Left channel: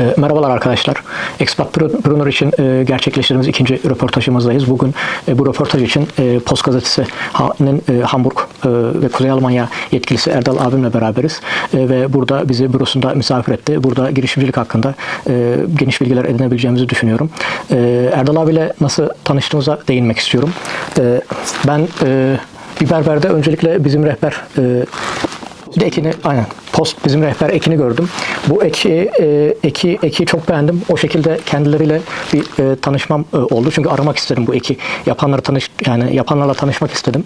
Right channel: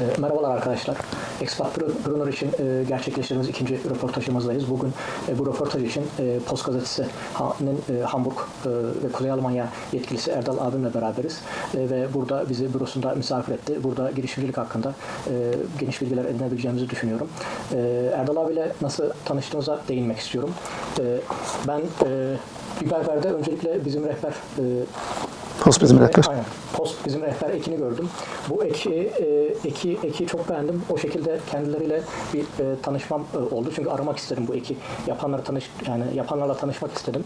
E, Merhabalar arkadaşlar. Expatpreneur için e, gerçekleştirdiğimiz ikinci röportajımızdayız. Bugün e, bu röportaj için e, Post Gazetesi'nin e, Hamburg e, ve Kuzey Almanya yetkilisi Erdal abimle beraberiz. E, ve burada bizi bürosunda misafir etti. Burada girişimcilik hakkında e, geniş bilgiler edinebileceğimizi düşünüyorum. E, Erdal abiyle nasıl tanıştığımıza değinmek istiyorum. E, ben e, bir berberde öncelikle bizim rehber e, Post bizim ekini, rehber. aynen. Post bizim rehber ekini gördüm. Bu eki e, eki eki çok beğendim. O şekilde kendileriyle bir e, tanışmam e, oldu. Çünkü aramak istedim bu eki. Yapanları tanış yani yapanlarla tanışmak istedim.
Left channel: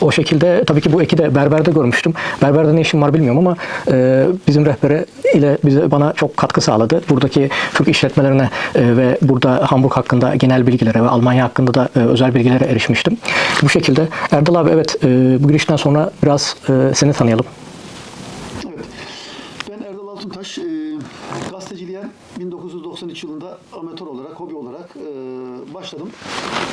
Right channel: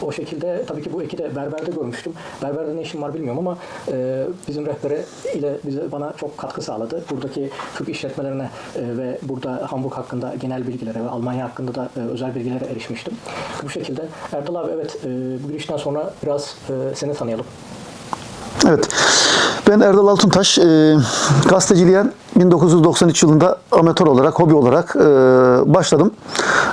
O şekilde tabii ki bu eki de berberde görmüştüm. Berberde ne işim var bilmiyorum ama e, bizim rehberi ile bize bana çok katkı sağladı. Buradaki Türk işletmelerine e, ve burada Hamburg hakkında genel bilgilere ve Almanya hakkında da e, özel bilgilere erişmiştim. Bu şekilde Erdal abi evet e, bu girişten sonra biraz e, seni tanıyalım. Evet. Ben Erdal Altuntaş. E, gazeteciliğe 1993 yılında amatör olarak, hobi olarak e, başladım.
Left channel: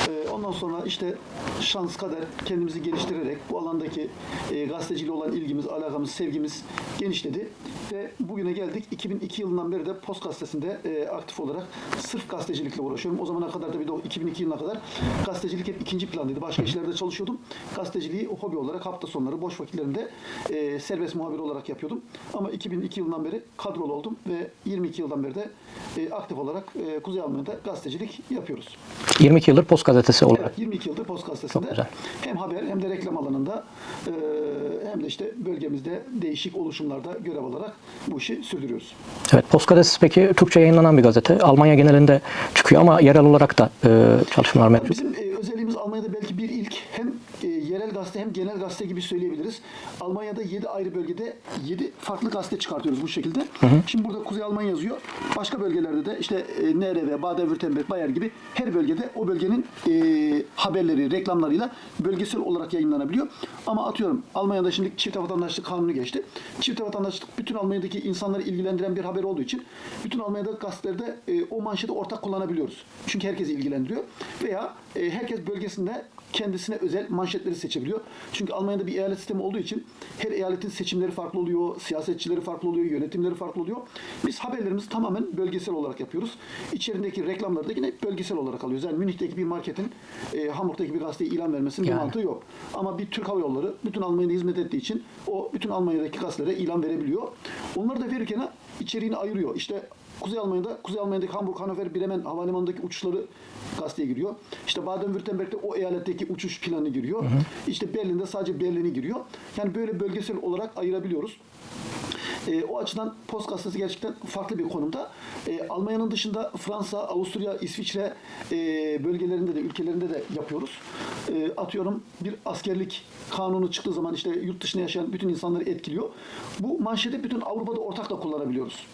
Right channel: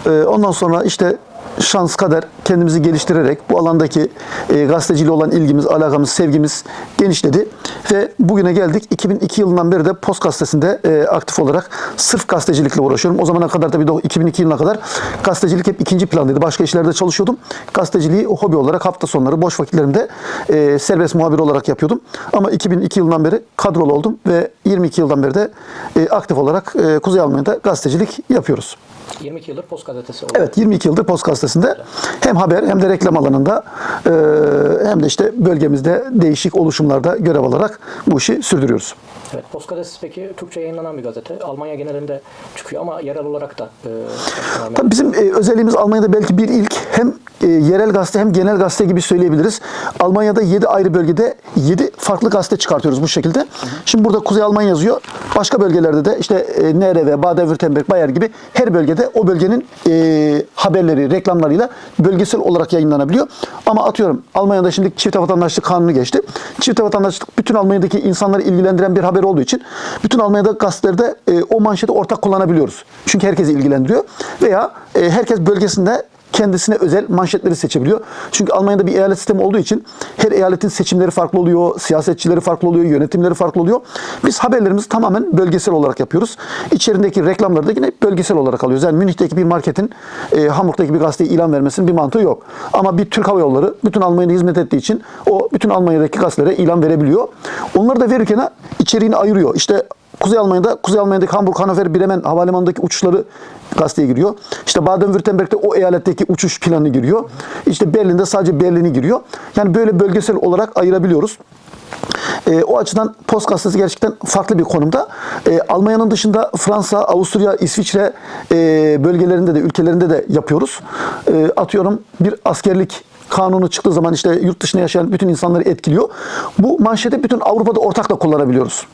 E, ondan sonra işte şans kader kendimizi geliştirerek bu alandaki e, gazeteciliğe olan ilgimiz, alakamız, sevgimiz genişledi ve bugüne geldik. 2002 yılından beri de Post Gazetesi'nde e, aktif olarak sırf gazetecilikle uğraşıyorum. O zamana kadar tabii de 2002 yılına kadar gazetecilik hep ikinci plandaydı. Başka işlerde çalışıyordum. Gazeteciliği hobi olarak hafta sonları boş vakitlerimde e, serbest muhabir olarak yapıyordum. Ama 2002 yılından beri kadrolu oldum ve 22 yıldan beri de e, aktif olarak e, Kuzey Almanya'da gazetecilik yapıyoruz. 22 yıldır Post Gazetesi oldu. Evet 22 yıldır Post Gazetesi'nde hem haber hem de reklam alanında e, hem de işte bölgemizde değişik oluşumlarda görev alarak bu işi sürdürüyoruz. Evet, Post Gazetesi peki Türkçe yayınlanan bir gazete. Almanya genelinde çıkıyor ama yerel olarak da e, çalışmalar mevcut. Tabii bizim e, özelliğimiz Almanya'da belki bir ilk hem e, yerel gazete hem genel gazete gibi söyleyebiliriz. Almanya'da 7 ayrı bölgede 7 farklı gazete çıkartıyoruz bu şekilde. Şimdi burada Kuzey Almanya yazıyor. Başka bölgelerde de işte e, NRV, Baden-Württemberg, Bayer gibi her bölgede o bölgenin e, haberleri, reklamlarıyla bölgesel olarak yayınlanabiliyor. Ama atıyorum Almanya'da şimdi çift vatandaşlık kanunu geçti. Çift vatandaşlık bütün Almanya'daki insanları ilgilendiren bir haber olduğu için bütün Almanya'da gazetelerde e, o manşeti ortak kullanabiliyoruz. Çünkü herkesi ilgilendiriyor. Veya e, herkes bölgesinde kendisine özel manşetleri seçebiliyor. Çünkü Almanya'da bir eyalet sistemi olduğu için her eyaletin seçimleri farklı oluyor, siyasetçileri farklı oluyor, yönetimleri farklı oluyor. Biz haberlerimizi tamamen bölgesel olarak yapıyoruz. İçerindeki reklamları da yine bölgesel olarak alıyoruz. Yani Münih'teki bir marketin e, Hamburg'daki bir gazeteye ilan vermesinin bir mantığı yok. Ama bir Türk Hava Yolları bütün Almanya'ya hizmet ettiği için o bütün Almanya'daki gazetelere ilan verebiliyor. Onları da verirken içeriğini ayırıyor. İşte Kuzey Almanya'da, Kuzey Almanya'daki Hamburg, Hannover, Bremen havalimanındaki uçuşları gazeteye giriyor. İşte Baden-Württemberg'de o eyaletteki uçuş planı giriyor. İşte Berlin'de sadece Berlin'i giriyor. Yani böyle bölgesel olarak ayırabiliyoruz. E, o açıdan Post Gazetesi gerçekten farklı bir konumda. E, Almanya'nın dışında Fransa, Avusturya, İsviçre e, bölgelerinde de ülkelerinde de yapıyoruz. E, atıyorum bir askerlik kanunu çıktığı zaman işte yurt dışında yaşayan bütün insanları etkiliyor. Bu manşeti bütün Avrupa'da ortakla kullanabiliyoruz.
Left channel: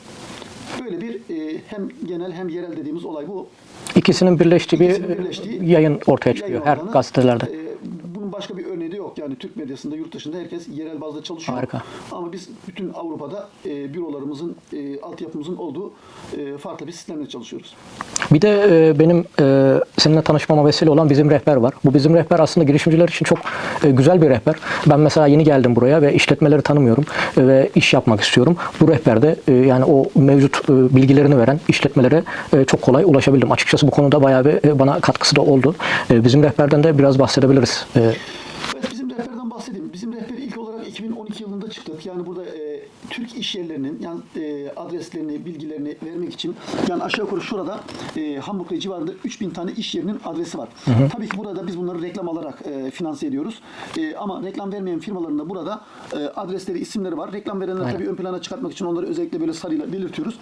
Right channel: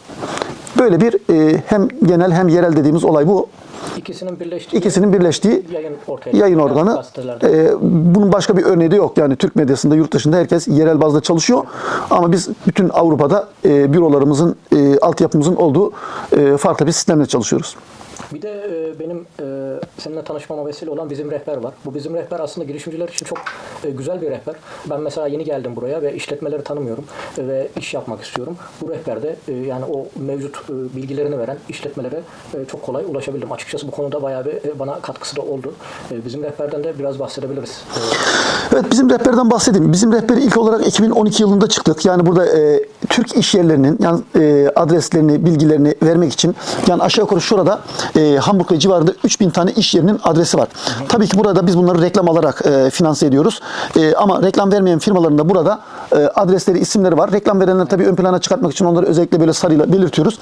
Böyle bir e, hem genel hem yerel dediğimiz olay bu. İkisinin birleştiği İkisinin bir birleştiği yayın ortaya çıkıyor. yayın organı. gazetelerde. E, bunun başka bir örneği de yok. Yani Türk medyasında, yurt dışında herkes yerel bazda çalışıyor. Harika. Ama biz bütün Avrupa'da e, bürolarımızın, e, altyapımızın olduğu e, farklı bir sistemle çalışıyoruz. Bir de e, benim e, seninle tanışmama vesile olan bizim rehber var. Bu bizim rehber aslında girişimciler için çok e, güzel bir rehber. Ben mesela yeni geldim buraya ve işletmeleri tanımıyorum e, ve iş yapmak istiyorum. Bu rehberde e, yani o mevcut e, bilgilerini veren işletmelere e, çok kolay ulaşabildim. Açıkçası bu konuda bayağı bir e, bana katkısı da oldu. E, bizim rehberden de biraz bahsedebiliriz. E, Evet bizim rehberden bahsedeyim. Bizim rehberi ilk olarak 2012 yılında çıktık. Yani burada e, Türk iş yerlerinin yani e, adreslerini, bilgilerini vermek için yani aşağı yukarı şurada e, Hamburg ve civarında 3000 tane iş yerinin adresi var. Tabii ki burada biz bunları reklam alarak e, finanse ediyoruz. E, ama reklam vermeyen firmaların da burada adresleri, isimleri var. Reklam verenleri tabii ön plana çıkartmak için onları özellikle böyle sarıyla belirtiyoruz.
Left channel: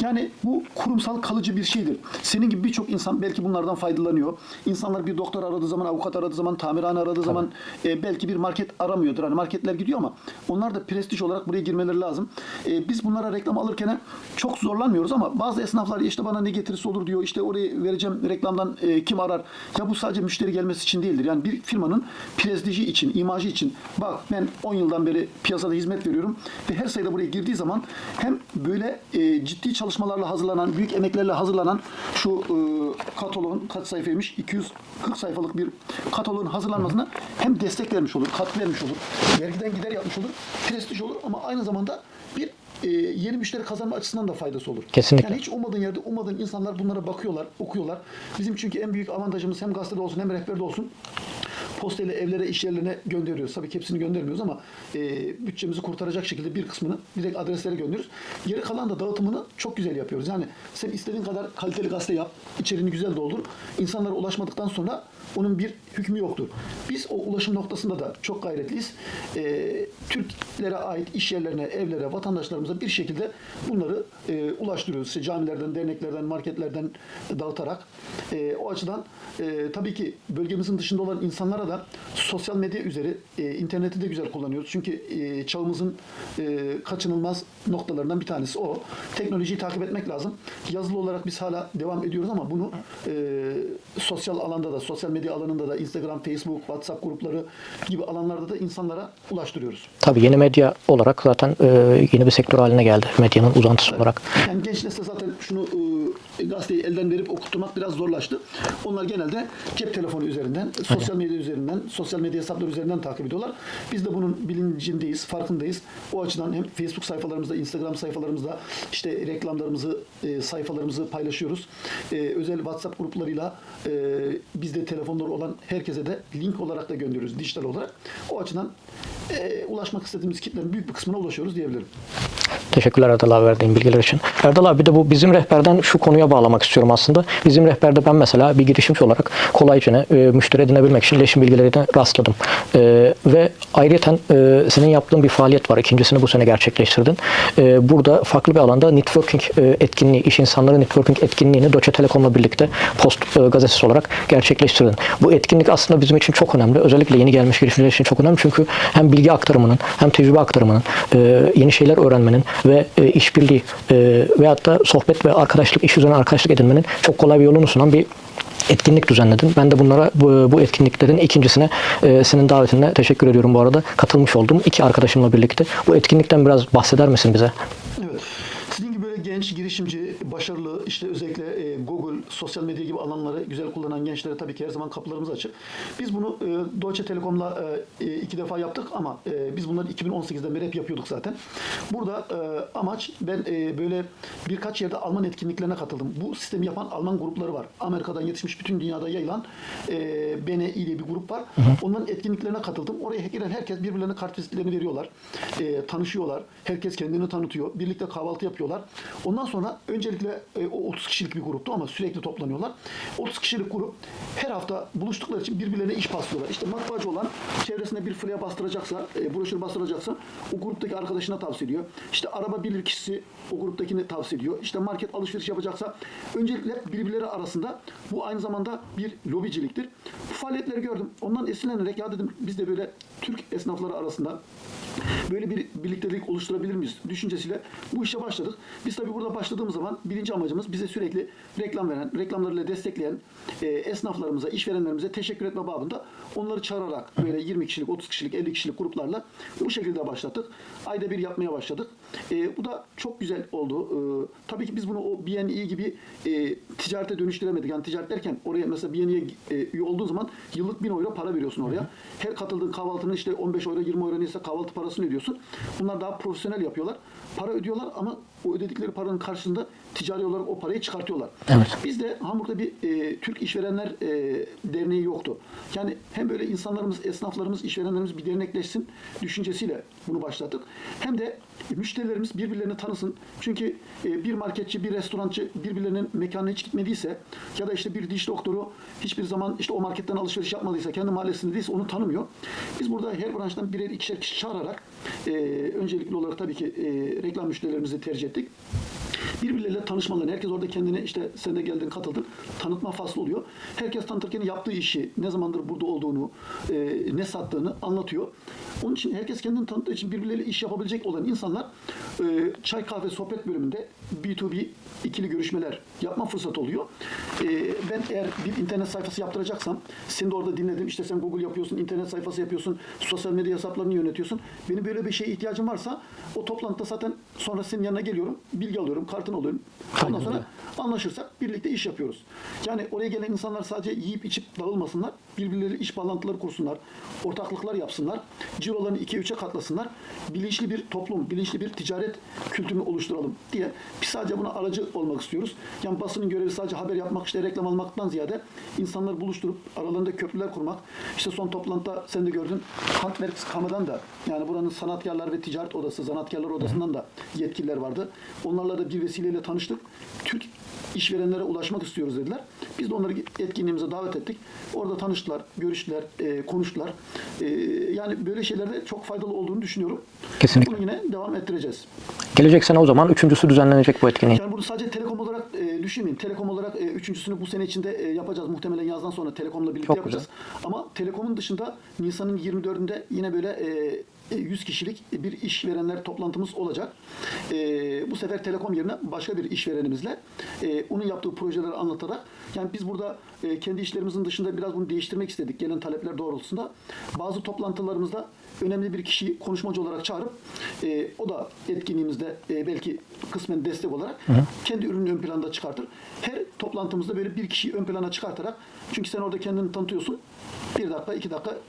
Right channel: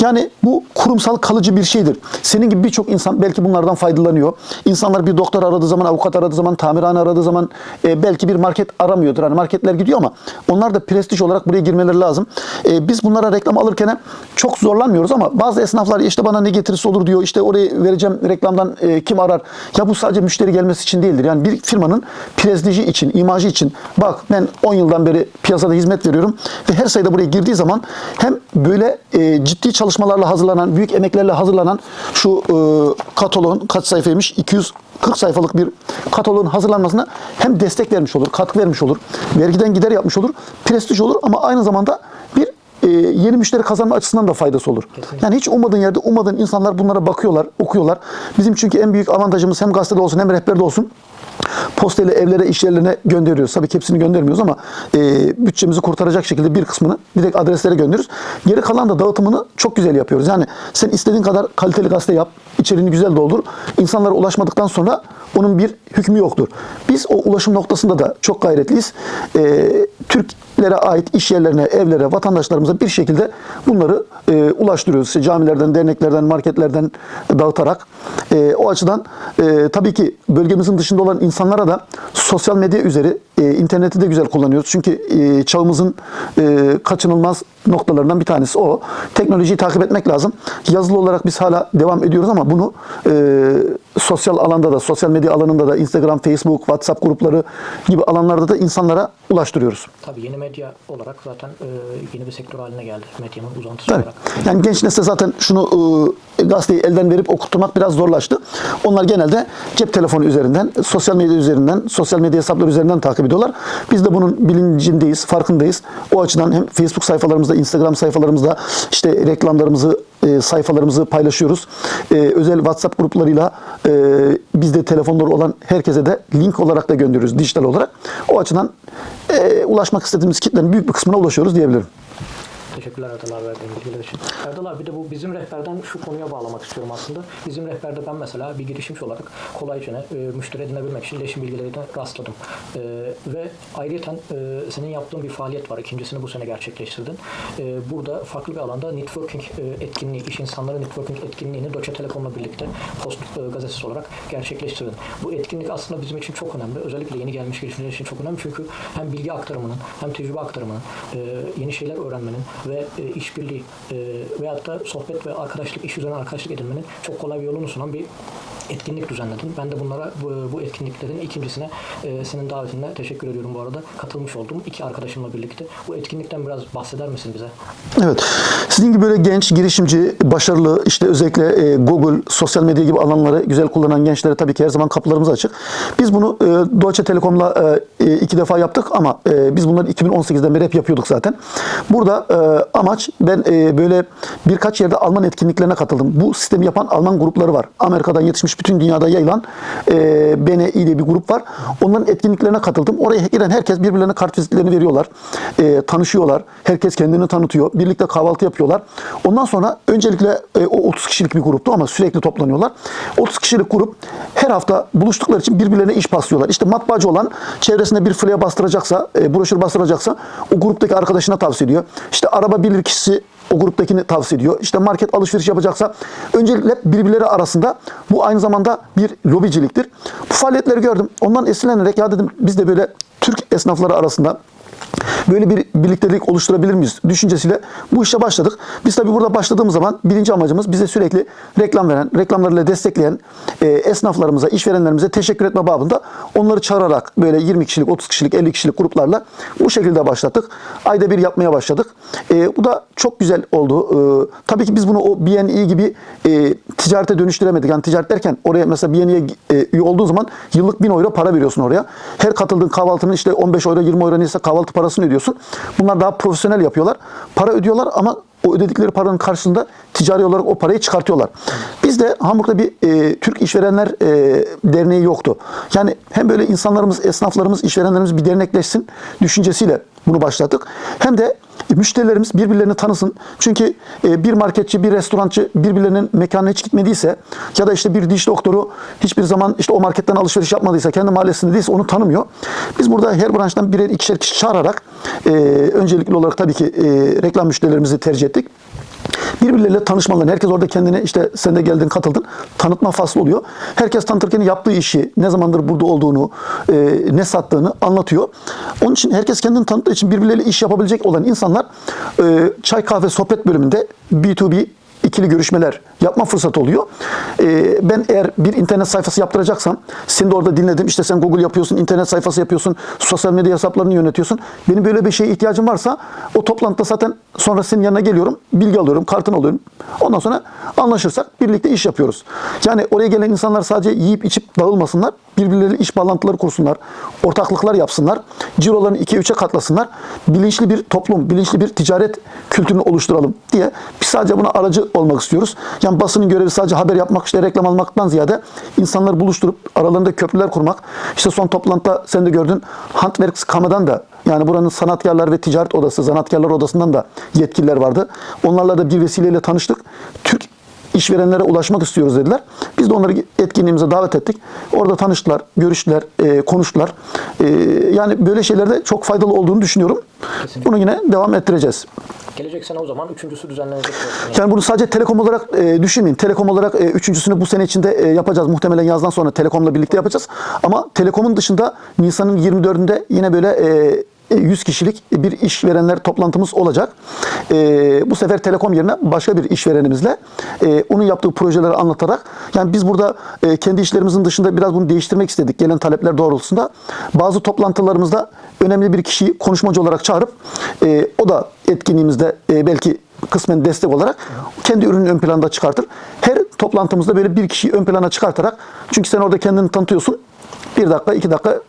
Yani bu kurumsal kalıcı bir şeydir. Senin gibi birçok insan belki bunlardan faydalanıyor. İnsanlar bir doktor aradığı zaman, avukat aradığı zaman, tamirhane aradığı zaman e, belki bir market aramıyordur. Hani marketler gidiyor ama onlar da prestij olarak buraya girmeleri lazım. E, biz bunlara reklam alırken çok zorlanmıyoruz ama bazı esnaflar işte bana ne getirisi olur diyor. İşte orayı vereceğim reklamdan e, kim arar? Ya bu sadece müşteri gelmesi için değildir. Yani bir firmanın prestiji için, imajı için bak ben 10 yıldan beri piyasada hizmet veriyorum ve her sayıda buraya girdiği zaman hem böyle e, ciddi çalışmalarla hazırlanan, büyük emeklerle hazırlanan şu e, kataloğun kaç sayfaymış? 200 40 sayfalık bir kataloğun hazırlanmasına hem destek vermiş olur, katkı vermiş olur, vergiden gider yapmış olur, prestij olur ama aynı zamanda bir e, yeni müşteri kazanma açısından da faydası olur. Kesinlikle. Yani hiç ummadığın yerde ummadığın insanlar bunlara bakıyorlar, okuyorlar. Bizim çünkü en büyük avantajımız hem gazetede olsun hem rehberde olsun postayla evlere, iş yerlerine gönderiyoruz. Tabii ki hepsini göndermiyoruz ama e, bütçemizi kurtaracak şekilde bir kısmını direkt adreslere gönderiyoruz. Geri kalan da dağıtımını çok güzel yapıyoruz. Yani sen istediğin kadar kaliteli gazete yap, içeriğini güzel doldur. İnsanlara ulaşmadıktan sonra onun bir hükmü yoktur. Biz o ulaşım noktasında da çok gayretliyiz. E, Türklere ait iş yerlerine, evlere, vatandaşlarımıza bir şekilde bunları e, ulaştırıyoruz. İşte camilerden, derneklerden, marketlerden dağıtarak. E, o açıdan e, tabii ki bölgemizin dışında olan insanlara da sosyal medya üzeri e, interneti de güzel kullanıyoruz. Çünkü e, çağımızın e, kaçınılmaz noktalarından bir tanesi o. Teknolojiyi takip etmek lazım. Yazılı olarak biz hala devam ediyoruz ama bunu e, sosyal alanda da, sosyal medya alanında da Instagram, Facebook, WhatsApp grupları gibi alanlarda da insanlara ulaştırıyoruz. Tabii yeni medya olarak zaten e, yeni bir sektör haline geldi medyanın uzantısı Evet. olarak. Yani genç nesil zaten şunu e, gazeteyi elden verip okutturmak biraz zorlaştı. Onlar genelde cep telefonu üzerinden, sosyal medya üzerinden, sosyal medya hesapları üzerinden takip ediyorlar. Biz de bunun bilincindeyiz, farkındayız. O açıdan hem Facebook sayfalarımızda, Instagram sayfalarımızda işte reklamlarımızı, e, sayfalarımızı paylaşıyoruz. E, özel WhatsApp gruplarıyla e, bizde telefonları olan herkese de link olarak da gönderiyoruz dijital olarak. O açıdan e, ulaşmak istediğimiz kitlenin büyük bir kısmına ulaşıyoruz diyebilirim. Teşekkürler Erdal abi verdiğin bilgiler için. Erdal abi bir de bu bizim rehberden şu konuya bağlamak istiyorum aslında. Bizim rehberde ben mesela bir girişimci olarak kolayca e, müşteri edinebilmek için iletişim bilgilerine rastladım. E, ve ayrıca e, senin yaptığın bir faaliyet var. İkincisini bu sene gerçekleştirdin. E, burada farklı bir alanda networking e, etkinliği, iş insanları networking etkinliğini Deutsche Telekom'la birlikte Post e, gazetesi olarak gerçekleştirdin. Bu etkinlik aslında bizim için çok önemli. Özellikle yeni gelmiş girişimciler için çok önemli. Çünkü hem bilgi aktarımının hem tecrübe aktarımının, e, yeni şeyler öğrenmenin ve e, işbirliği e, veyahut da sohbet ve arkadaşlık, iş üzerine arkadaşlık edinmenin çok kolay bir yolunu sunan bir etkinlik düzenledin. Ben de bunlara bu, bu etkinliklerin ikincisine e, senin davetine teşekkür ediyorum bu arada. Katılmış olduğum iki arkadaşımla birlikte. Bu etkinlikten biraz bahseder misin bize? Evet. Sizin gibi böyle genç, girişimci, başarılı, işte özellikle e, Google, sosyal medya gibi alanları güzel kullanan gençlere tabii ki her zaman kapılarımız açık. Biz bunu e, Deutsche Telekom'la e, iki defa yaptık ama e, biz bunları 2018'den beri hep yapıyorduk zaten. Burada e, amaç ben e, böyle birkaç yerde Alman etkinliklerine katıldım. Bu sistemi yapan Alman grupları var. Amerika'dan yetişmiş bütün dünyada yayılan e, BNI diye bir grup var. Onların etkinliklerine katıldım. Oraya giren herkes birbirlerine kart vizitlerini veriyorlar. E, tanışıyorlar. Herkes kendini tanıtıyor. Birlikte kahvaltı yapıyorlar. Ondan sonra öncelikle e, o 30 kişilik bir gruptu ama sürekli toplanıyorlar. 30 kişilik grup her hafta buluştukları için birbirlerine iş paslıyorlar. İşte matbaacı olan çevresinde bir flyer bastıracaksa, e, broşür bastıracaksa o gruptaki arkadaşına tavsiye ediyor. İşte araba bilir kişisi o gruptakini tavsiye ediyor. İşte market alışveriş yapacaksa öncelikle birbirleri arasında bu aynı zamanda bir lobiciliktir. Bu faaliyetleri gördüm. Ondan esinlenerek ya dedim biz de böyle Türk esnafları arasında böyle bir birliktelik oluşturabilir miyiz düşüncesiyle bu işe başladık. Biz tabii burada başladığımız zaman birinci amacımız bize sürekli reklam veren, reklamlarıyla destekleyen e, esnaflarımıza, işverenlerimize teşekkür etme babında onları çağırarak böyle 20 kişilik, 30 kişilik, 50 kişilik gruplarla bu şekilde başlattık. Ayda bir yapmaya başladık. E, bu da çok güzel oldu. E, tabii ki biz bunu o BNI gibi e, ticarete dönüştüremedik. Yani ticaret derken oraya mesela BNI'ye e, üye olduğun zaman yıllık 1000 euro para veriyorsun oraya. Her katıldığın kahvaltının işte 15 euro 20 euro neyse kahvaltı parasını ödüyorsun. Bunlar daha profesyonel yapıyorlar. Para ödüyorlar ama o ödedikleri paranın karşılığında ticari olarak o parayı çıkartıyorlar. Bizde Hamburg'da bir e, Türk İşverenler e, Derneği yoktu. Yani hem böyle insanlarımız, esnaflarımız, işverenlerimiz bir dernekleşsin düşüncesiyle bunu başlattık. Hem de müşterilerimiz birbirlerini tanısın. Çünkü e, bir marketçi, bir restorancı birbirlerinin mekanına hiç gitmediyse ya da işte bir diş doktoru hiçbir zaman işte o marketten alışveriş yapmadıysa, kendi mahallesinde değilse onu tanımıyor. Biz burada her branştan birer ikişer kişi çağırarak e, öncelikli olarak tabii ki e, reklam müşterilerimizi tercih ettik. Birbirleriyle tanışmalarını, herkes orada kendine işte sen de geldin katıldın, tanıtma faslı oluyor. Herkes tanıtırken yaptığı işi, ne zamandır burada olduğunu, e, ne sattığını anlatıyor. Onun için herkes kendini tanıttığı için birbirleriyle iş yapabilecek olan insanlar e, çay kahve sohbet bölümünde B2B ikili görüşmeler yapma fırsatı oluyor. Ee, ben eğer bir internet sayfası yaptıracaksam, seni de orada dinledim. İşte sen Google yapıyorsun, internet sayfası yapıyorsun, sosyal medya hesaplarını yönetiyorsun. Benim böyle bir şeye ihtiyacım varsa o toplantıda zaten sonra senin yanına geliyorum, bilgi alıyorum, kartını alıyorum. Ondan sonra anlaşırsak birlikte iş yapıyoruz. Yani oraya gelen insanlar sadece yiyip içip dağılmasınlar. Birbirleriyle iş bağlantıları kursunlar. Ortaklıklar yapsınlar. Cirolarını 2'ye 3'e katlasınlar. Bilinçli bir toplum, bilinçli bir ticaret kültürünü oluşturalım diye biz sadece buna aracı olmak istiyoruz. Yani basının görevi sadece haber yapmak, işte reklam almaktan ziyade insanları buluşturup aralarında köprüler kurmak. İşte son toplantıda sen de gördün Handwerks Kamera'dan da yani buranın sanatkarlar ve ticaret odası, zanatkarlar odasından da yetkililer vardı. Onlarla da bir vesileyle tanıştık. Türk işverenlere ulaşmak istiyoruz dediler. Biz de onları etkinliğimize davet ettik. Orada tanıştılar, görüştüler, e, konuştular. E, yani böyle şeylerde çok faydalı olduğunu düşünüyorum. Kesinlikle. Bunu yine devam ettireceğiz. Gelecek sene o zaman üçüncüsü düzenlenecek bu etkinliğin. Yani bunu sadece Telekom olarak e, düşünmeyin. Telekom olarak e, üçüncüsünü bu sene içinde e, yapacağız. Muhtemelen yazdan sonra Telekom'la birlikte yapacağız. Ama Telekom'un dışında Nisan'ın 24'ünde yine böyle e, 100 kişilik bir işverenler toplantımız olacak. E, bu sefer Telekom yerine başka bir işverenimizle e, onun yaptığı projeleri anlatarak yani biz burada e, kendi işlerimizin dışında biraz bunu değiştirmek istedik gelen talepler doğrultusunda. Bazı toplantılarımızda önemli bir kişiyi konuşmacı olarak çağırıp e, o da etkinliğimizde e, belki kısmen destek olarak kendi ürününü ön planda çıkartır. Her toplantımızda böyle bir kişiyi ön plana çıkartarak çünkü sen orada kendini tanıtıyorsun. Bir dakika, iki dakika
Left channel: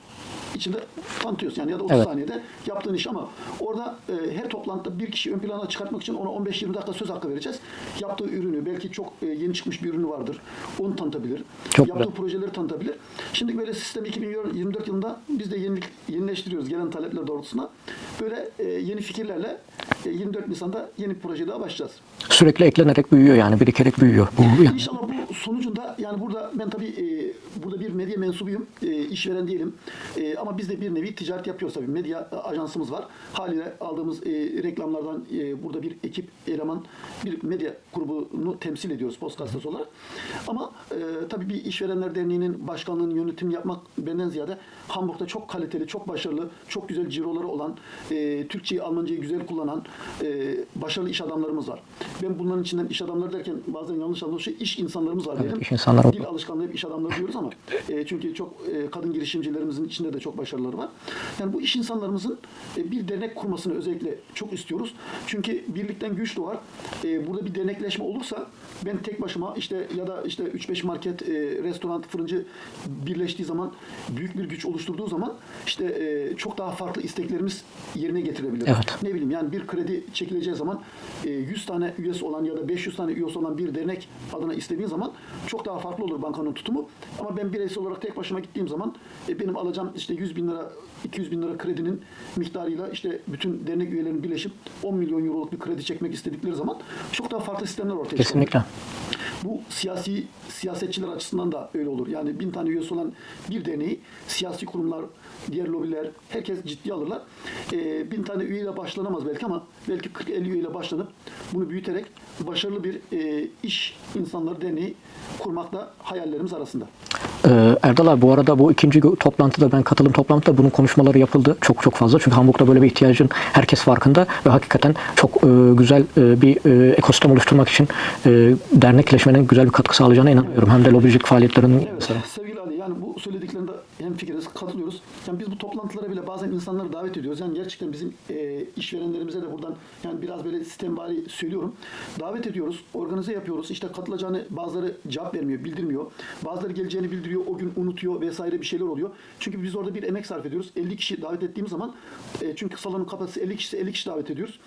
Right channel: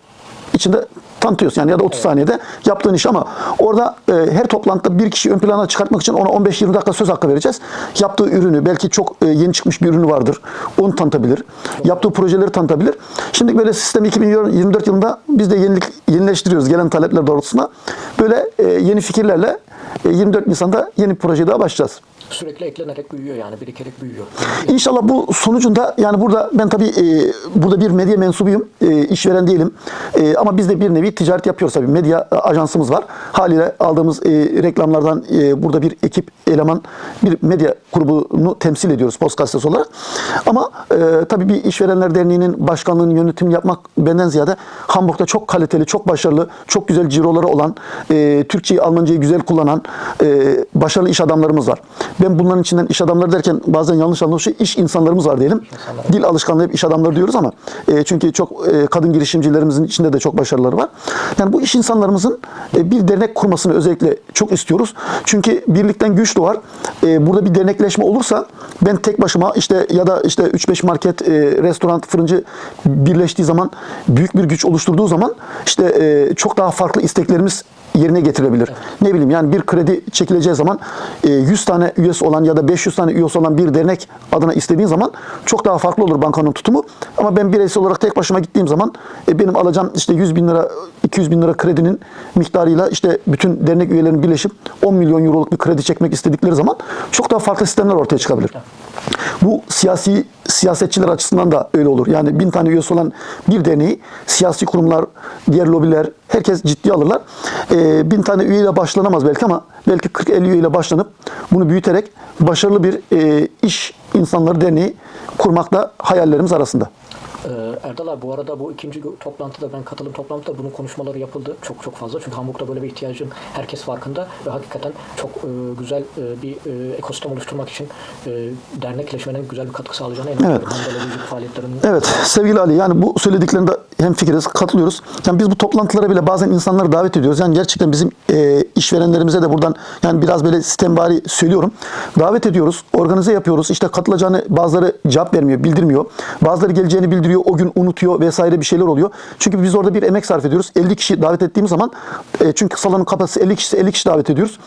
içinde tanıtıyorsun yani ya da 30 saniyede yaptığın iş ama orada e, her toplantıda bir kişi ön plana çıkartmak için ona 15-20 dakika söz hakkı vereceğiz. Yaptığı ürünü belki çok e, yeni çıkmış bir ürünü vardır. Onu tanıtabilir. Çok Yaptığı projeleri tanıtabilir. Şimdi böyle sistem 2024 yılında biz de yenilik yenileştiriyoruz gelen talepler doğrultusunda. Böyle e, yeni fikirlerle 24 Nisan'da yeni bir projeye daha başlayacağız. Sürekli eklenerek büyüyor yani birikerek büyüyor. İnşallah bu sonucunda yani burada ben tabii e, burada bir medya mensubuyum. E, işveren değilim. E, ama biz de bir nevi ticaret yapıyoruz tabii. Medya e, ajansımız var. Haliyle aldığımız e, reklamlardan e, burada bir ekip eleman bir medya grubunu temsil ediyoruz Post Gazetesi olarak. Ama e, tabii bir işverenler derneğinin başkanlığını yönetim yapmak benden ziyade Hamburg'da çok kaliteli, çok başarılı, çok güzel ciroları olan, e, Türkçeyi, Almancayı güzel kullanan e, başarılı iş adamlarımız var. Ben bunların içinden iş adamları derken bazen yanlış anlaşılıyor. İş insanlarımız var diyelim. İnsanları. Dil alışkanlığı hep iş adamları diyoruz ama e, çünkü çok e, kadın girişimcilerimizin içinde de çok başarıları var. Yani bu iş insanlarımızın e, bir dernek kurmasını özellikle çok istiyoruz. Çünkü birlikten güç doğar. E, burada bir dernekleşme olursa ben tek başıma işte ya da işte 3-5 market, e, restoran, fırıncı birleştiği zaman büyük bir güç oluşturduğu zaman işte e, çok daha farklı isteklerimiz yerine getirebilir. Ne bileyim yani bir kredi çekileceği zaman e, 100 tane üyesi olan ya da 500 tane üyesi olan bir dernek adına istediğin zaman çok daha farklı olur bankanın tutumu. Ama ben bireysel olarak tek başıma gittiğim zaman e, benim alacağım işte 100 bin lira 200 bin lira kredinin miktarıyla işte bütün dernek üyelerinin birleşip 10 milyon euroluk bir kredi çekmek istedikleri zaman çok daha farklı sistemler ortaya çıkabilir. Bu siyasi siyasetçiler açısından da öyle olur. Yani bin tane üyesi olan bir derneği siyasi kurumlar, diğer lobiler herkes ciddiye alırlar. Ee, bin tane üyeyle başlanamaz belki ama belki 40-50 üyeyle başlanıp bunu büyüterek başarılı bir e, iş insanları derneği kurmak da hayallerimiz arasında. Ee, Erdal abi bu arada bu ikinci toplantıda ben katılım toplantıda bunun konuşmaları yapıldı. Çok çok fazla. Çünkü Hamburg'da böyle bir ihtiyacın herkes farkında ve hakikaten çok e, güzel e, bir e, ekosistem oluşturmak için dernekleşmenin güzel bir katkı sağlayacağına inanıyorum. Hem de lobicilik faaliyetlerinin Evet sevgili Ali yani bu söylediklerinde hem fikiriz, katılıyoruz. Yani biz bu toplantılara bile bazen insanları davet ediyoruz. Yani gerçekten bizim e, işverenlerimize de buradan yani biraz böyle sistembari söylüyorum. Davet ediyoruz, organize yapıyoruz. İşte katılacağını bazıları cevap vermiyor, bildirmiyor. Bazıları geleceğini bildiriyor, o gün unutuyor vesaire bir şeyler oluyor. Çünkü biz orada bir emek sarf ediyoruz. 50 kişi davet ettiğimiz zaman e, çünkü salonun kapasitesi 50 kişi 50 kişi davet ediyoruz.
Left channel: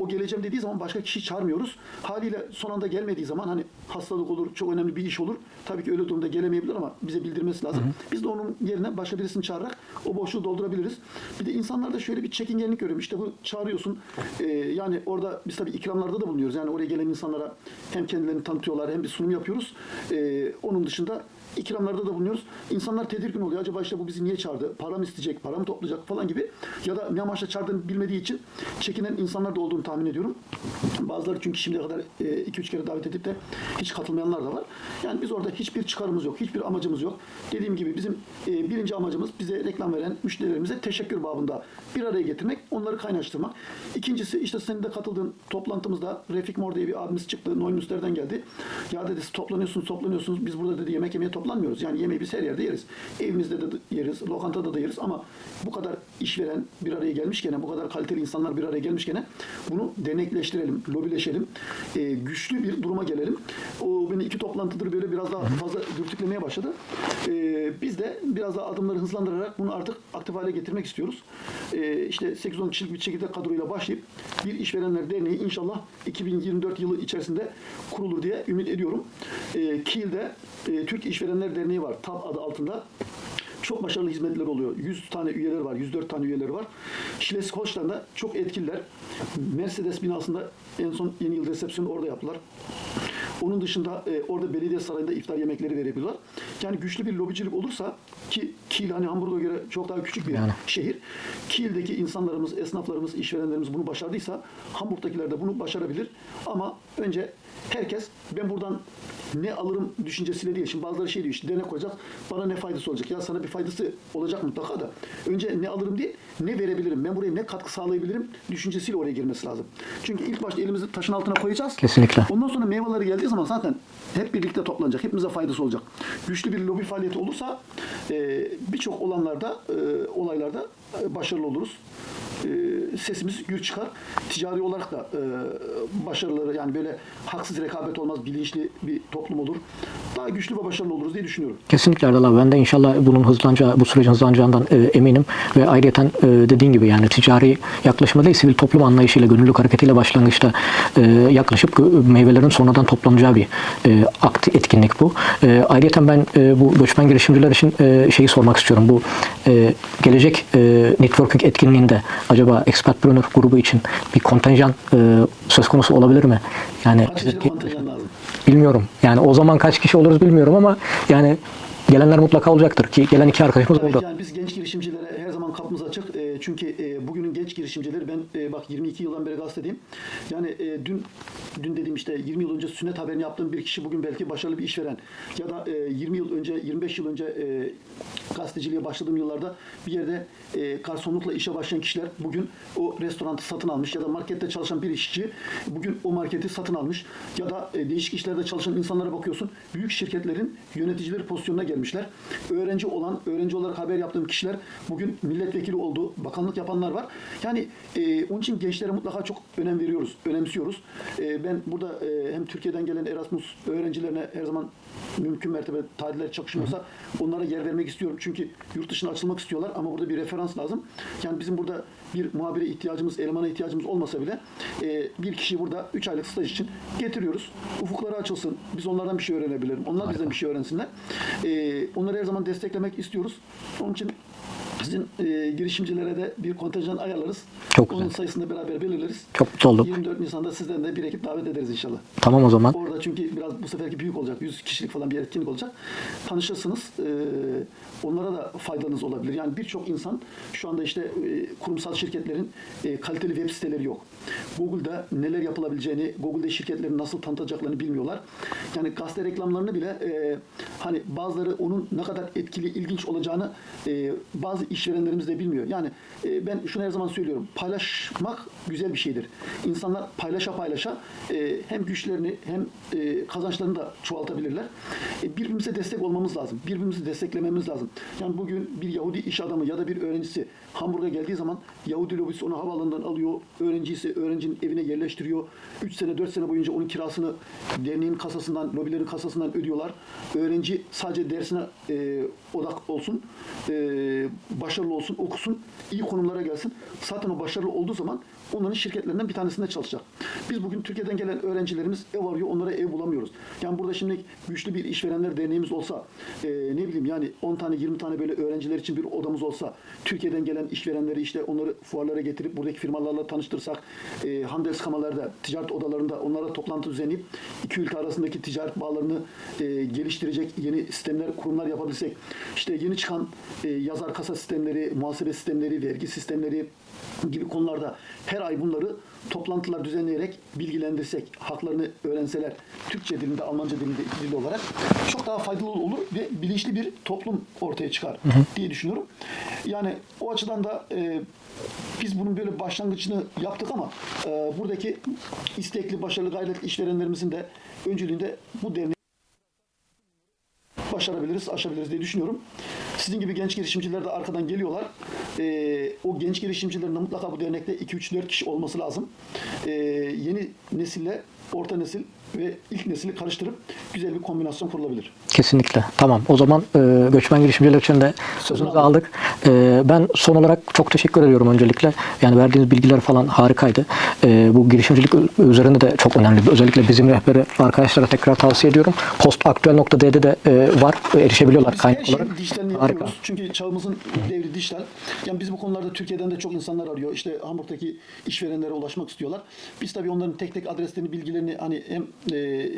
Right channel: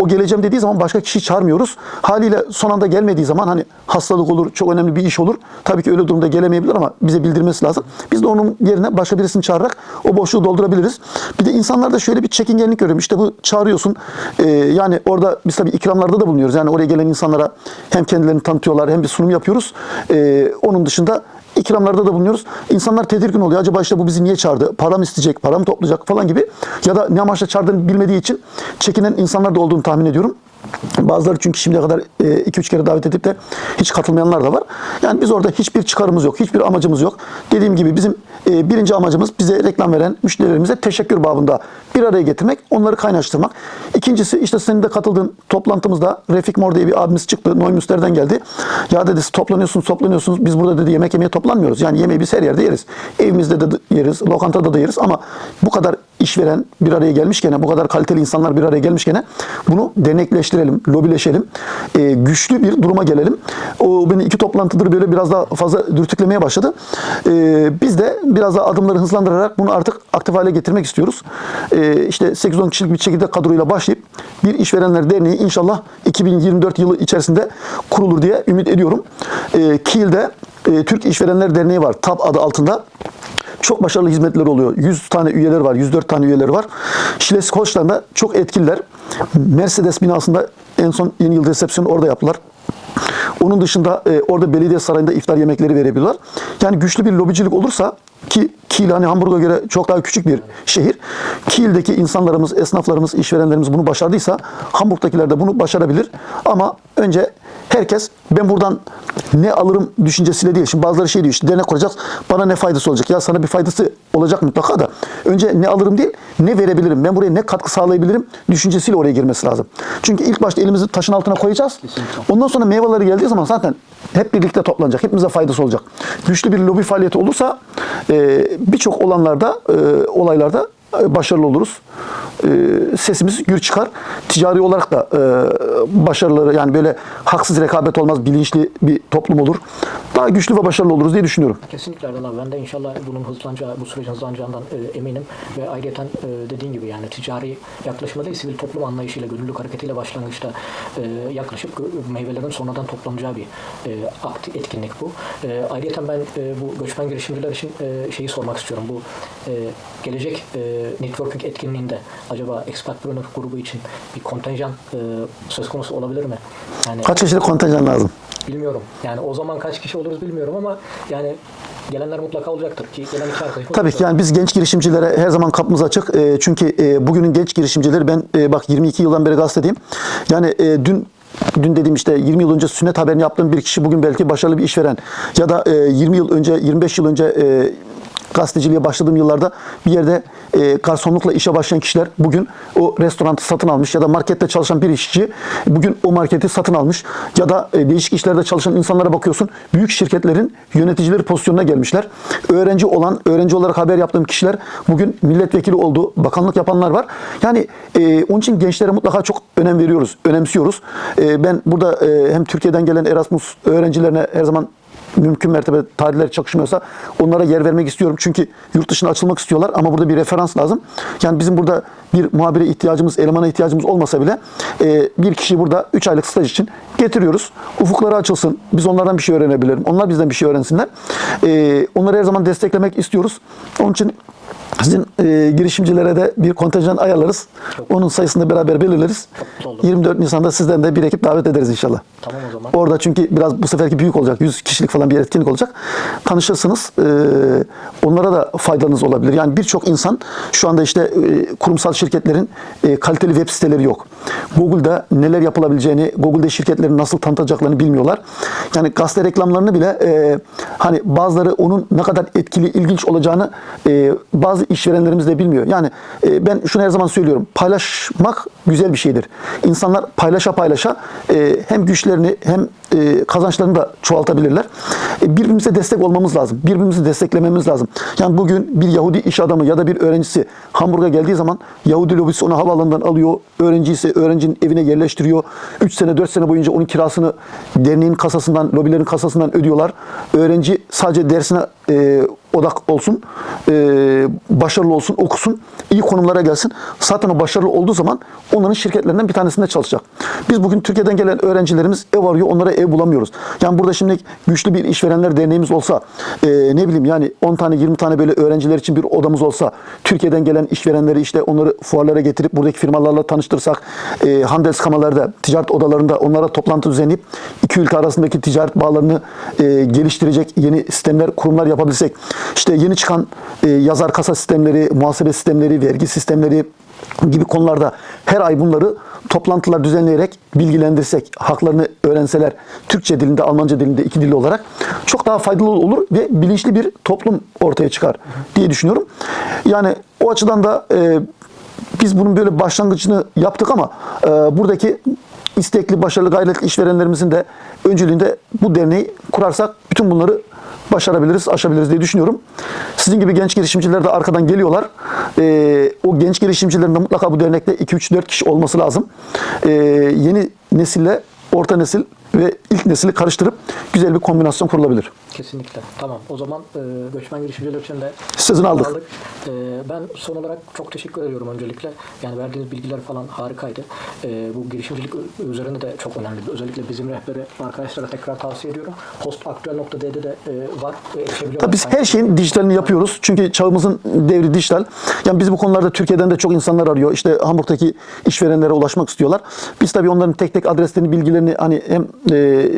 O geleceğim dediği zaman başka kişiyi çağırmıyoruz. Haliyle son anda gelmediği zaman hani hastalık olur, çok önemli bir iş olur. Tabii ki öyle durumda gelemeyebilir ama bize bildirmesi lazım. Biz de onun yerine başka birisini çağırarak o boşluğu doldurabiliriz. Bir de insanlarda şöyle bir çekingenlik görüyorum. İşte bu çağırıyorsun. e, yani orada biz tabii ikramlarda da bulunuyoruz. Yani oraya gelen insanlara hem kendilerini tanıtıyorlar hem bir sunum yapıyoruz. E, onun dışında ikramlarda da bulunuyoruz. İnsanlar tedirgin oluyor. Acaba işte bu bizi niye çağırdı? Para mı isteyecek? Para mı toplayacak falan gibi. Ya da ne amaçla çağırdığını bilmediği için çekinen insanlar da olduğunu tahmin ediyorum. Bazıları çünkü şimdiye kadar 2-3 kere davet edip de hiç katılmayanlar da var. Yani biz orada hiçbir çıkarımız yok, hiçbir amacımız yok. Dediğim gibi bizim e, birinci amacımız bize reklam veren müşterilerimize teşekkür babında bir araya getirmek, onları kaynaştırmak. İkincisi işte senin de katıldığın toplantımızda Refik Mor diye bir abimiz çıktı. Neumünster'den geldi. Ya dedi toplanıyorsunuz, toplanıyorsunuz. Biz burada dedi yemek yemeye toplanmıyoruz. Yani yemeği biz her yerde yeriz. Evimizde de yeriz, lokantada da yeriz ama bu kadar işveren bir araya gelmişken, bu kadar kaliteli insanlar bir araya gelmişken bunu denekleştirelim, lobileşelim. e, güçlü bir duruma gelelim. O beni iki toplantıdır böyle biraz daha fazla dürtüklemeye başladı. E, biz de biraz daha adımları hızlandırarak bunu artık aktif hale getirmek istiyoruz. E, işte 8-10 kişilik bir çekirdek kadroyla başlayıp bir işverenler derneği inşallah 2024 yılı içerisinde kurulur diye ümit ediyorum. E, Kiel'de e, Türk İşverenler Derneği var. TAP adı altında. Çok başarılı hizmetler oluyor. 100 tane üyeler var, 104 tane üyeleri var. Schleswig-Holstein'da çok etkililer. Mercedes binasında en son yeni yıl resepsiyonu orada yaptılar. Onun dışında e, orada belediye sarayında iftar yemekleri verebiliyorlar. Yani güçlü bir lobicilik olursa ki Kiel hani Hamburg'a göre çok daha küçük bir şehir. Kiel'deki insanlarımız, esnaflarımız, işverenlerimiz bunu başardıysa Hamburg'dakiler de bunu başarabilir. Ama önce herkes ben buradan ne alırım düşüncesiyle değil. Şimdi bazıları şey diyor işte dernek kuracağız bana ne faydası olacak? Ya sana bir faydası olacak mutlaka da önce ne alırım değil ne verebilirim? Ben buraya ne katkı sağlayabilirim? Düşüncesiyle oraya girmesi lazım. Çünkü ilk başta elimizi taşın altına koyacağız. Kesinlikle. Ondan sonra meyveleri geldiği zaman zaten hep birlikte toplanacak. Hepimize faydası olacak. Güçlü bir lobi faaliyeti olursa e, birçok olanlarda, e, olaylarda e, başarılı oluruz. E, sesimiz gür çıkar. Ticari olarak da e, başarıları yani böyle haksız rekabet olmaz, bilinçli bir toplum olur. Daha güçlü ve başarılı oluruz diye düşünüyorum. Kesinlikle Erdal abi. Ben de inşallah bunun hızlanacağı, bu sürecin hızlanacağından e, eminim. Ve ayrıca e, dediğin gibi yani ticari yaklaşımda değil, sivil toplum anlayışıyla, gönüllülük hareketiyle başlangıçta e, yaklaşıp meyvelerin sonradan toplanacağı bir e, akt, etkinlik bu. E, ayrıca ben e, bu göçmen girişimciler için e, şeyi sormak istiyorum. Bu e, gelecek e, networking etkinliğinde acaba Expatpreneur grubu için bir kontenjan e, söz konusu olabilir mi? Yani Kaç kişilik kontenjan lazım? Bilmiyorum. Yani o zaman kaç kişi oluruz bilmiyorum ama yani gelenler mutlaka olacaktır ki gelen iki arkadaşımız Tabii oldu. ki yani biz genç girişimcilere her zaman kapımız açık. E, çünkü e, bugünün genç girişimcileri ben e, bak 22 yıldan beri gazetedeyim. Yani e, dün dün dediğim işte 20 yıl önce sünnet haberini yaptığım bir kişi bugün belki başarılı bir işveren ya da e, 20 yıl önce 25 yıl önce e, gazeteciliğe başladığım yıllarda bir yerde e, garsonlukla işe başlayan kişiler bugün o restoranı satın almış ya da markette çalışan bir işçi bugün o marketi satın almış ya da e, değişik işlerde çalışan insanlara bakıyorsun büyük şirketlerin yöneticileri pozisyonuna gelmişler. Öğrenci olan, öğrenci olarak haber yaptığım kişiler bugün milletvekili oldu, bakanlık yapanlar var. Yani e, onun için gençlere mutlaka çok önem veriyoruz, önemsiyoruz. E, ben burada e, hem Türkiye'den gelen Erasmus öğrencilerine her zaman mümkün mertebe tarihler çakışmıyorsa onlara yer vermek istiyorum. Çünkü yurt dışına açılmak istiyorlar ama burada bir referans lazım. Yani bizim burada bir muhabire ihtiyacımız, elemana ihtiyacımız olmasa bile e, bir kişiyi burada 3 aylık staj için getiriyoruz. Ufukları açılsın. Biz onlardan bir şey öğrenebilirim. Onlar bizden bir şey öğrensinler. E, onları her zaman desteklemek istiyoruz. Onun için sizin e, girişimcilere de bir kontenjan ayarlarız. Çok Onun sayısını beraber belirleriz. Çok mutlu oldum. 24 Nisan'da sizden de bir ekip davet ederiz inşallah. Tamam o zaman. Orada çünkü biraz bu seferki büyük olacak. 100 kişilik falan bir etkinlik olacak. Tanışırsınız. Ee, onlara da faydanız olabilir. Yani birçok insan şu anda işte e, kurumsal şirketlerin e, kaliteli web siteleri yok. Google'da neler yapılabileceğini, Google'da şirketlerin nasıl tanıtacaklarını bilmiyorlar. Yani gazete reklamlarını bile e, hani bazıları onun ne kadar etkili, ilginç olacağını e, bazı işverenlerimiz de bilmiyor. Yani e, ben şunu her zaman söylüyorum. Paylaşmak güzel bir şeydir. İnsanlar paylaşa paylaşa e, hem güçlerini hem e, kazançlarını da çoğaltabilirler. E, birbirimize destek olmamız lazım. Birbirimizi desteklememiz lazım. Yani bugün bir Yahudi iş adamı ya da bir öğrencisi Hamburg'a geldiği zaman Yahudi lobisi onu havaalanından alıyor. Öğrenci ise öğrencinin evine yerleştiriyor. 3 sene 4 sene boyunca onun kirasını derneğin kasasından, lobilerin kasasından ödüyorlar. Öğrenci sadece dersine e, odak olsun, e, başarılı olsun, okusun, iyi konumlara gelsin. Zaten o başarılı olduğu zaman onların şirketlerinden bir tanesinde çalışacak. Biz bugün Türkiye'den gelen öğrencilerimiz ev arıyor, onlara ev bulamıyoruz. Yani burada şimdi güçlü bir işverenler derneğimiz olsa, e, ne bileyim yani 10 tane 20 tane böyle öğrenciler için bir odamız olsa, Türkiye'den gelen işverenleri işte onları fuarlara getirip buradaki firmalarla tanıştırsak, e, Handelskamer'larda, ticaret odalarında onlara toplantı düzenleyip iki ülke arasındaki ticaret bağlarını e, geliştirecek yeni sistemler, kurumlar yapabilsek, işte yeni çıkan e, yazar kasa sistemleri, muhasebe sistemleri, vergi sistemleri, gibi konularda her ay bunları toplantılar düzenleyerek bilgilendirsek, haklarını öğrenseler Türkçe dilinde, Almanca dilinde iki dilli olarak çok daha faydalı olur ve bilinçli bir toplum ortaya çıkar diye düşünüyorum. Yani o açıdan da e, biz bunun böyle başlangıcını yaptık ama e, buradaki istekli, başarılı, gayretli işverenlerimizin de öncülüğünde bu derneği kurarsak bütün bunları başarabiliriz, aşabiliriz diye düşünüyorum. Sizin gibi genç girişimciler de arkadan geliyorlar. E, o genç girişimcilerin de mutlaka bu dernekte 2-3-4 kişi olması lazım. E, yeni nesille orta nesil ve ilk nesili karıştırıp güzel bir kombinasyon kurulabilir. Kesinlikle. Tamam. O zaman e, göçmen girişimciler için de Sözünü aldık. E, ben son olarak çok teşekkür ediyorum öncelikle. Yani verdiğiniz bilgiler falan harikaydı. E, bu girişimcilik üzerinde de çok önemli. Özellikle bizim rehberi arkadaşlara tekrar tavsiye ediyorum. Postaktüel.d'de de e, var. Erişebiliyorlar. Tabii biz her şeyin dijitalini yapıyoruz. Çünkü çağımızın devri dijital. Yani biz bu konularda Türkiye'den de çok insanlar arıyor. İşte Hamburg'daki işverenlere ulaşmak istiyorlar. Biz tabii onların tek tek adreslerini, bilgilerini hani hem e,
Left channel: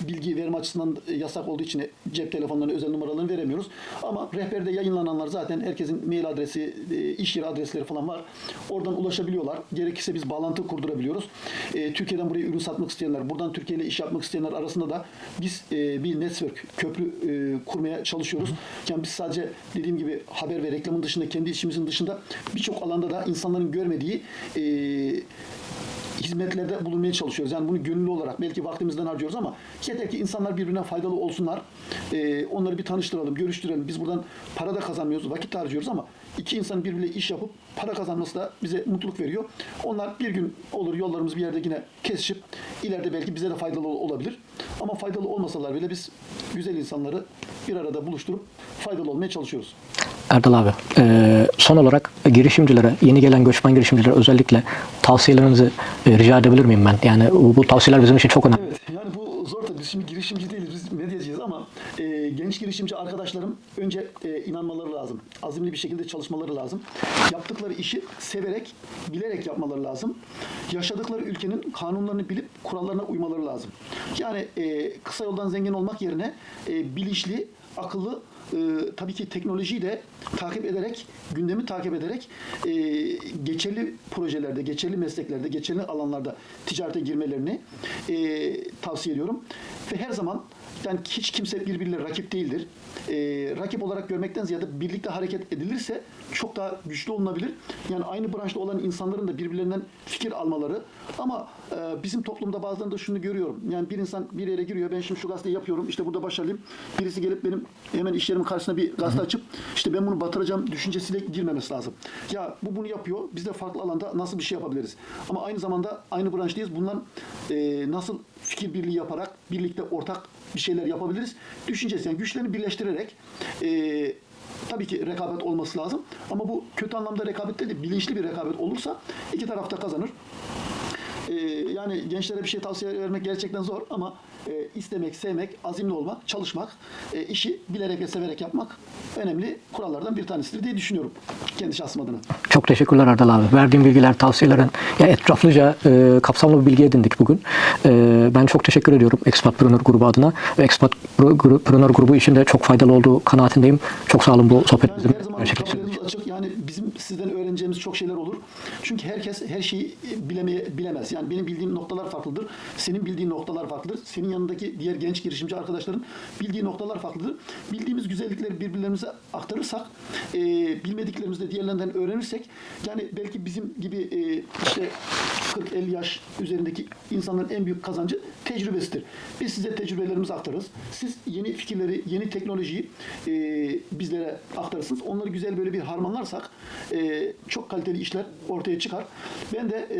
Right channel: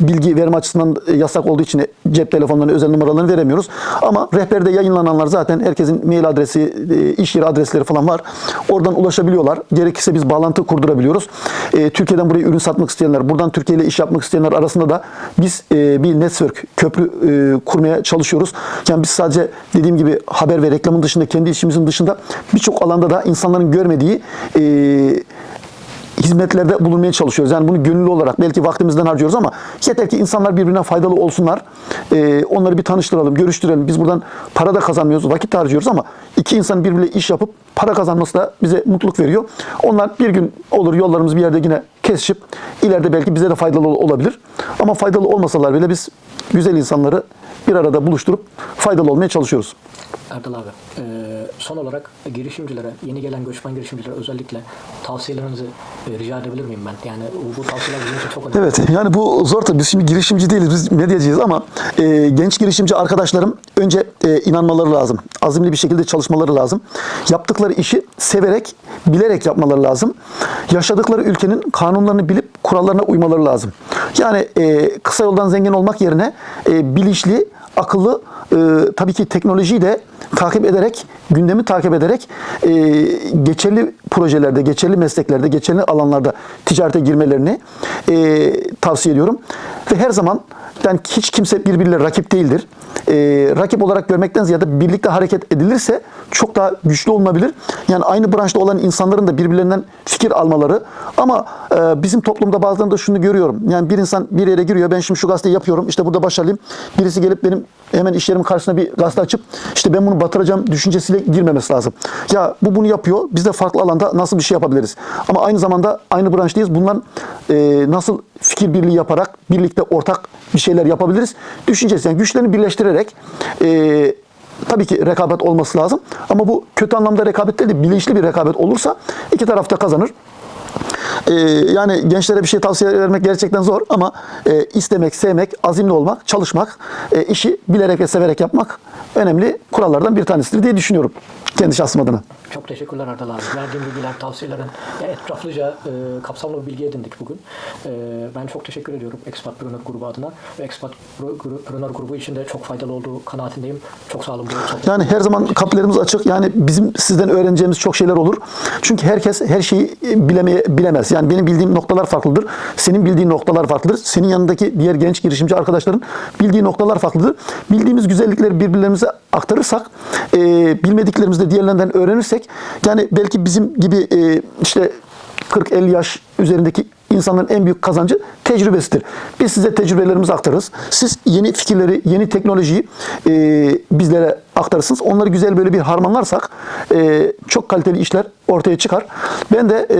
bilgi verme açısından yasak olduğu için cep telefonlarını, özel numaralarını veremiyoruz. Ama rehberde yayınlananlar zaten herkesin mail adresi, e, iş yeri adresleri falan var. Oradan ulaşabiliyorlar. Gerekirse biz bağlantı kurdurabiliyoruz. E, Türkiye'den buraya ürün satmak isteyenler, buradan Türkiye ile iş yapmak isteyenler arasında da biz e, bir network, köprü e, kurmaya çalışıyoruz. Yani biz sadece dediğim gibi haber ve reklamın dışında, kendi işimizin dışında birçok alanda da insanların görmediği e, hizmetlerde bulunmaya çalışıyoruz. Yani bunu gönüllü olarak belki vaktimizden harcıyoruz ama yeter ki insanlar birbirine faydalı olsunlar. Ee, onları bir tanıştıralım, görüştürelim. Biz buradan para da kazanmıyoruz, vakit harcıyoruz ama iki insan birbiriyle iş yapıp para kazanması da bize mutluluk veriyor. Onlar bir gün olur yollarımız bir yerde yine kesişip ileride belki bize de faydalı ol- olabilir. Ama faydalı olmasalar bile biz güzel insanları bir arada buluşturup faydalı olmaya çalışıyoruz. Erdal abi, e, son olarak girişimcilere, yeni gelen göçmen girişimcilere özellikle tavsiyelerinizi e, rica edebilir miyim ben? Yani bu, bu tavsiyeler bizim için çok önemli. Evet yani bu zor tabii. Biz şimdi girişimci değiliz. Biz medyacıyız ama e, genç girişimci arkadaşlarım önce e, inanmaları lazım. Azimli bir şekilde çalışmaları lazım. Yaptıkları işi severek, bilerek yapmaları lazım. Yaşadıkları ülkenin kanunlarını bilip kurallarına uymaları lazım. Yani e, kısa yoldan zengin olmak yerine e, bilinçli, akıllı, e, tabii ki teknolojiyi de takip ederek, gündemi takip ederek e, geçerli projelerde, geçerli mesleklerde, geçerli alanlarda ticarete girmelerini e, tavsiye ediyorum. Ve her zaman yani hiç kimse birbiriyle rakip değildir. E, rakip olarak görmekten ziyade birlikte hareket edilirse çok daha güçlü olunabilir. Yani aynı branşta olan insanların da birbirlerinden fikir almaları. Ama e, bizim toplumda bazen de şunu görüyorum. Yani bir insan bir yere giriyor. Ben şimdi şu gazeteyi yapıyorum. işte burada başarılıyım. Birisi gelip benim hemen iş yerimin karşısına bir gazete açıp işte ben bunu batıracağım düşüncesiyle girmemesi lazım. Ya bu bunu yapıyor. Biz de farklı alanda nasıl bir şey yapabiliriz? Ama aynı zamanda aynı branştayız. Bundan e, nasıl fikir birliği yaparak birlikte ortak bir şeyler yapabiliriz? Düşüncesi yani güçlerini birleştirerek e, Tabii ki rekabet olması lazım ama bu kötü anlamda rekabet değil de bilinçli bir rekabet olursa iki taraf da kazanır. Ee, yani gençlere bir şey tavsiye vermek gerçekten zor ama e, istemek, sevmek, azimli olmak, çalışmak, e, işi bilerek ve severek yapmak önemli kurallardan bir tanesidir diye düşünüyorum kendi şahsım adına. Çok teşekkürler Erdal abi. Verdiğin bilgiler, tavsiyelerin ya etraflıca e, kapsamlı bir bilgi edindik bugün. E, ben çok teşekkür ediyorum Expatpreneur grubu adına ve Expatpreneur grubu için de çok faydalı olduğu kanaatindeyim. Çok sağ olun bu sohbet. Yani her zaman kapılarımız açık. Yani bizim sizden öğreneceğimiz çok şeyler olur. Çünkü herkes her şeyi bilemeye bilemez. Yani benim bildiğim noktalar farklıdır. Senin bildiğin noktalar farklıdır. Senin yanındaki diğer genç girişimci arkadaşların bildiği noktalar farklıdır. Bildiğimiz güzellikleri birbirlerimize aktarırsak, e, bilmediklerimizi de diğerlerinden öğrenirsek, yani belki bizim gibi e, işte 40-50 yaş üzerindeki insanların en büyük kazancı tecrübesidir. Biz size tecrübelerimizi aktarırız. Siz yeni fikirleri, yeni teknolojiyi e, bizlere aktarırsınız. Onları güzel böyle bir harmanlarsak e, çok kaliteli işler ortaya çıkar. Ben de e,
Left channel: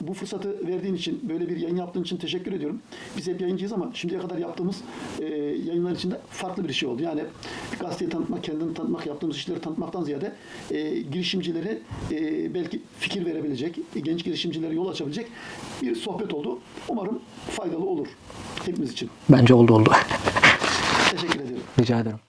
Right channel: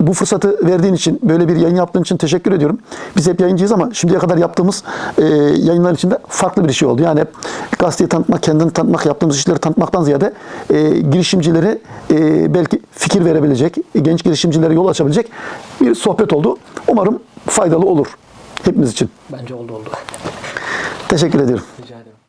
bu fırsatı verdiğin için, böyle bir yayın yaptığın için teşekkür ediyorum. Biz hep yayıncıyız ama şimdiye kadar yaptığımız e, yayınlar içinde farklı bir şey oldu. Yani hep gazeteyi tanıtmak, kendini tanıtmak, yaptığımız işleri tanıtmaktan ziyade e, girişimcileri e, belki fikir verebilecek, genç girişimcilere yol açabilecek bir sohbet oldu. Umarım faydalı olur hepimiz için. Bence oldu oldu. Teşekkür ediyorum. Rica ederim.